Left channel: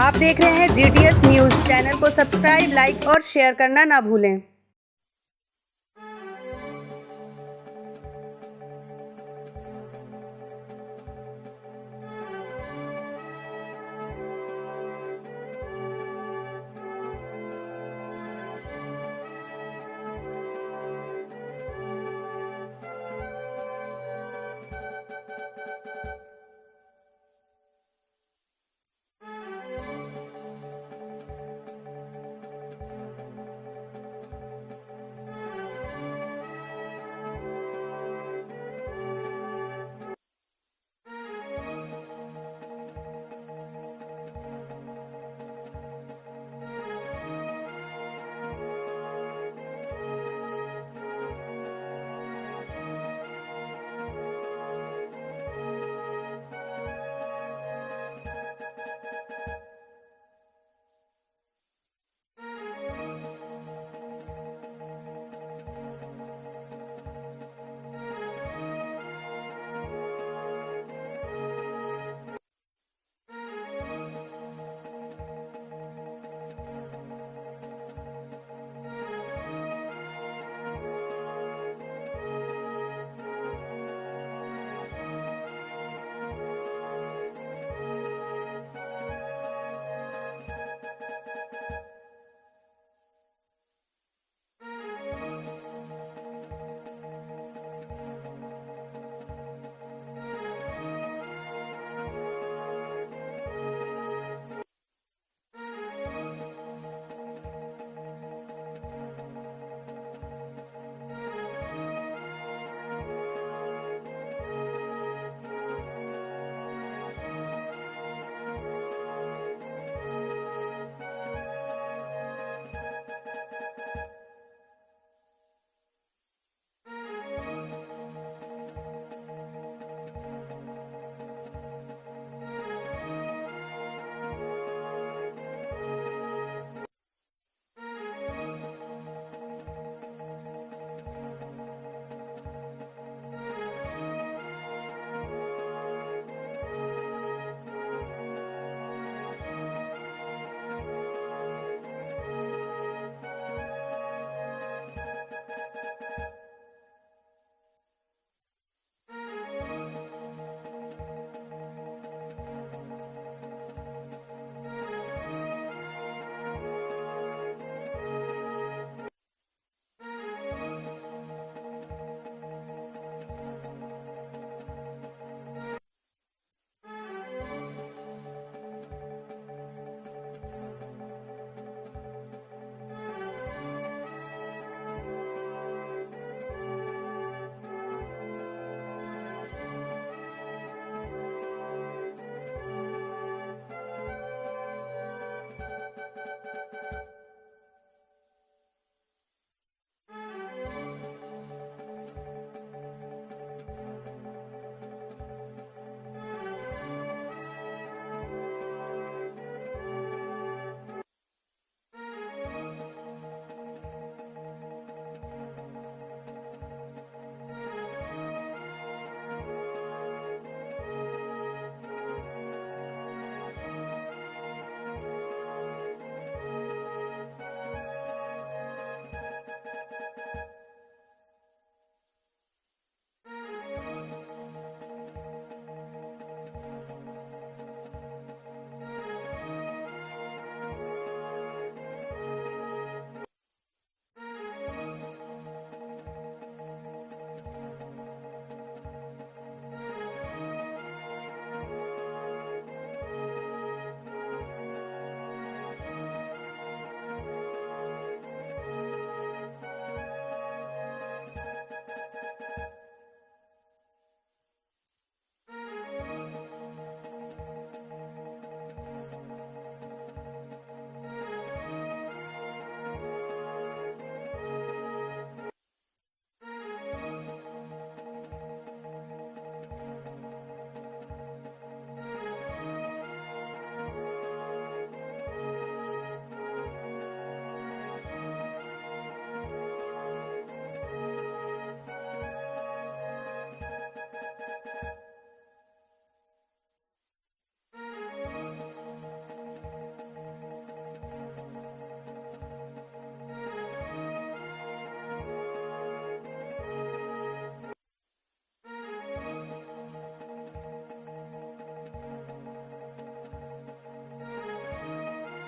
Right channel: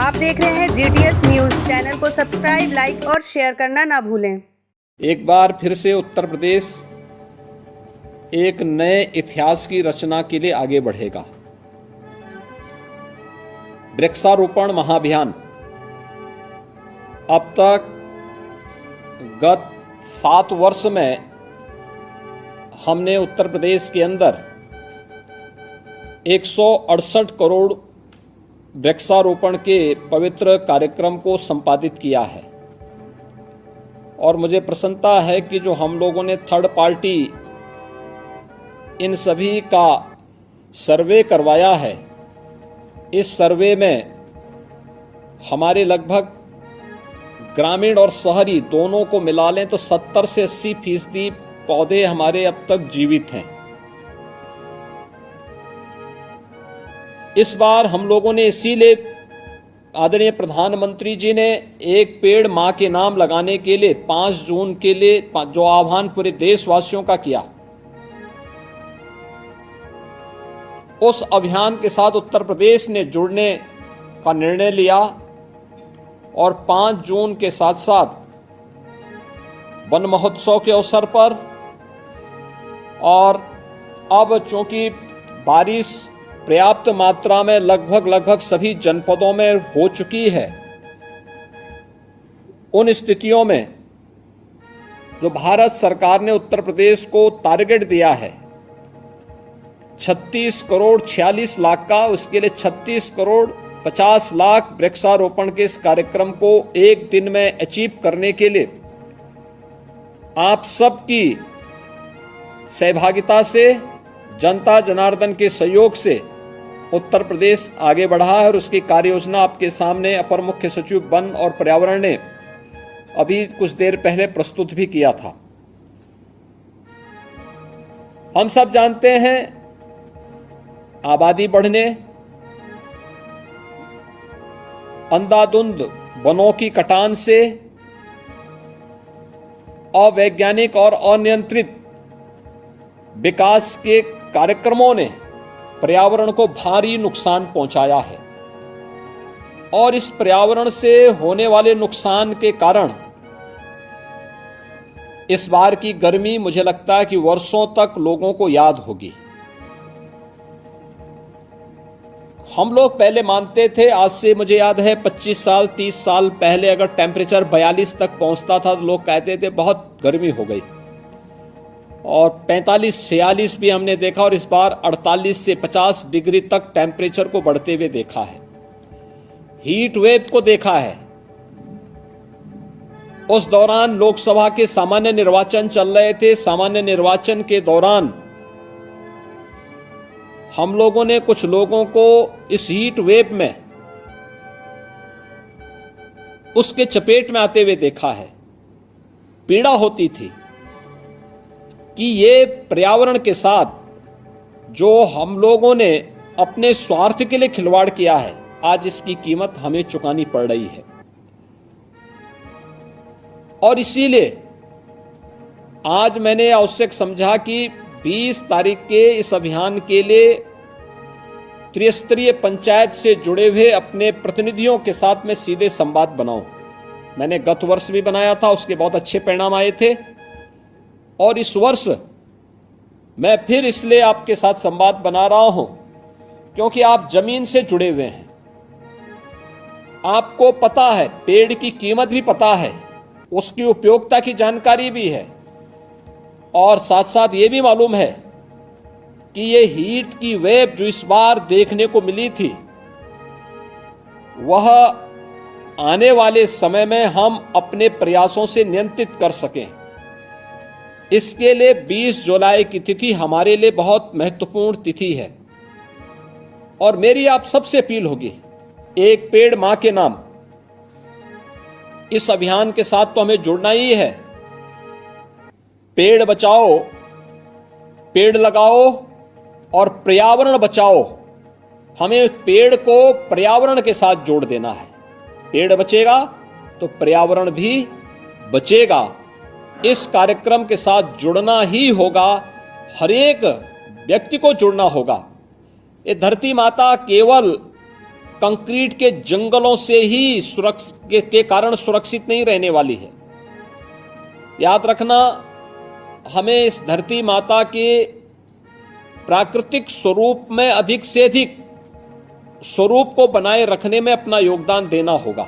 आप देख रहे हैं GTS न्यूज। चैनल को सब्सक्राइब, लाइक और शेयर करना ना भूलें। एक बार फिर से उत्तर प्रदेश एक नए इतिहास की रचना के लिए आगे बढ़ेगा। वृक्षारोपण महाअभियान अब तक गत 7 वर्ष में हमने उत्तर प्रदेश के अंदर 168 करोड़ वृक्षारोपण के पवित्र कार्यक्रम को संपादित किया है और मुझे प्रसन्नता है कि जो हम लोगों ने थर्ड पार्टी इन सभी का सर्वे करवाया है, इस सर्वे में हमारे लगभग ग्रामीण और शहरी दोनों को मिला लें तो 70 से 80% पौधे हमारे अब तक जीवित हैं। इस बार हम लोगों ने इसीलिए आदरणीय प्रधानमंत्री जी ने एक पेड़ मां के नाम लगाने के लिए 5 जून के लिए जो आह्वान पूरे देशवासियों का किया, उस अभियान के साथ उत्तर प्रदेश ने जुड़ने का निर्णय लिया और 5 जून के साथ साथ वन महोत्सव के अवसर पर और अब चूंकि बारिश पर्याप्त मात्रा में लगभग सभी जनपदों में हो चुकी है, उन स्थितियों में जो भारत सरकार ने उत्तर प्रदेश को टारगेट दिया है 36 करोड़ 46 लाख का, उसके लिए 36 करोड़ 50 लाख वृक्षारोपण के इस कार्यक्रम को एक दिन में अचीव करने के लिए आप सबकी सहभागिता से, जनता जनार्दन के सहयोग से उत्तर प्रदेश आगे बढ़ा है और उसकी कार्य योजना आपके सामने अपर मुख्य सचिव वन और पर्यावरण ने अभी कुछ देर पहले प्रस्तुत भी किया था। हम सब जानते हैं आबादी बढ़ने, अंधाधुंध वनों की कटान से, अवैज्ञानिक और अनियंत्रित विकास के कार्यक्रमों ने पर्यावरण को भारी नुकसान पहुंचाया है और इस पर्यावरण से होने वाले नुकसान के कारण इस बार की गर्मी मुझे लगता है कि वर्षों तक लोगों को याद होगी। हम लोग पहले मानते थे, आज से मुझे याद है 25 साल 30 साल पहले अगर टेम्परेचर 42 तक पहुंचता था तो लोग कहते थे बहुत गर्मी हो गई, और 45-46 भी हमने देखा और इस बार 48 से 50 डिग्री तक टेम्परेचर को बढ़ते हुए देखा है, हीट वेव को देखा है। उस दौरान लोकसभा के सामान्य निर्वाचन चल रहे थे। सामान्य निर्वाचन के दौरान हम लोगों ने कुछ लोगों को इस हीट वेव में उसके चपेट में आते हुए देखा है। पीड़ा होती थी कि ये पर्यावरण के साथ जो हम लोगों ने अपने स्वार्थ के लिए खिलवाड़ किया है, आज इसकी कीमत हमें चुकानी पड़ रही है। और इसीलिए आज मैंने आवश्यक समझा कि 20 तारीख के इस अभियान के लिए त्रिस्तरीय पंचायत से जुड़े हुए अपने प्रतिनिधियों के साथ में सीधे संवाद बनाऊं। मैंने गत वर्ष भी बनाया था, उसके बहुत अच्छे परिणाम आए थे और इस वर्ष मैं फिर इसलिए आपके साथ संवाद बना रहा हूं क्योंकि आप जमीन से जुड़े हुए हैं, आपको पता है, पेड़ की कीमत भी पता है, उसकी उपयोगिता की जानकारी भी है और साथ साथ ये भी मालूम है कि ये हीट की वेव जो इस बार देखने को मिली थी वह आने वाले समय में हम अपने प्रयासों से नियंत्रित कर सकें। इसके लिए 20 जुलाई की तिथि हमारे लिए बहुत महत्वपूर्ण तिथि है और मेरी आप सबसे अपील होगी, एक पेड़ मां के नाम इस अभियान के साथ तो हमें जुड़ना ही है। पेड़ बचाओ, पेड़ लगाओ और पर्यावरण बचाओ। हमें पेड़ को पर्यावरण के साथ जोड़ देना है। पेड़ बचेगा तो पर्यावरण भी बचेगा। इस कार्यक्रम के साथ जुड़ना ही होगा, हर एक व्यक्ति को जुड़ना होगा। ये धरती माता केवल कंक्रीट के जंगलों से ही के कारण सुरक्षित नहीं रहने वाली है। याद रखना, हमें इस धरती माता के प्राकृतिक स्वरूप में अधिक से अधिक स्वरूप को बनाए रखने में अपना योगदान देना होगा।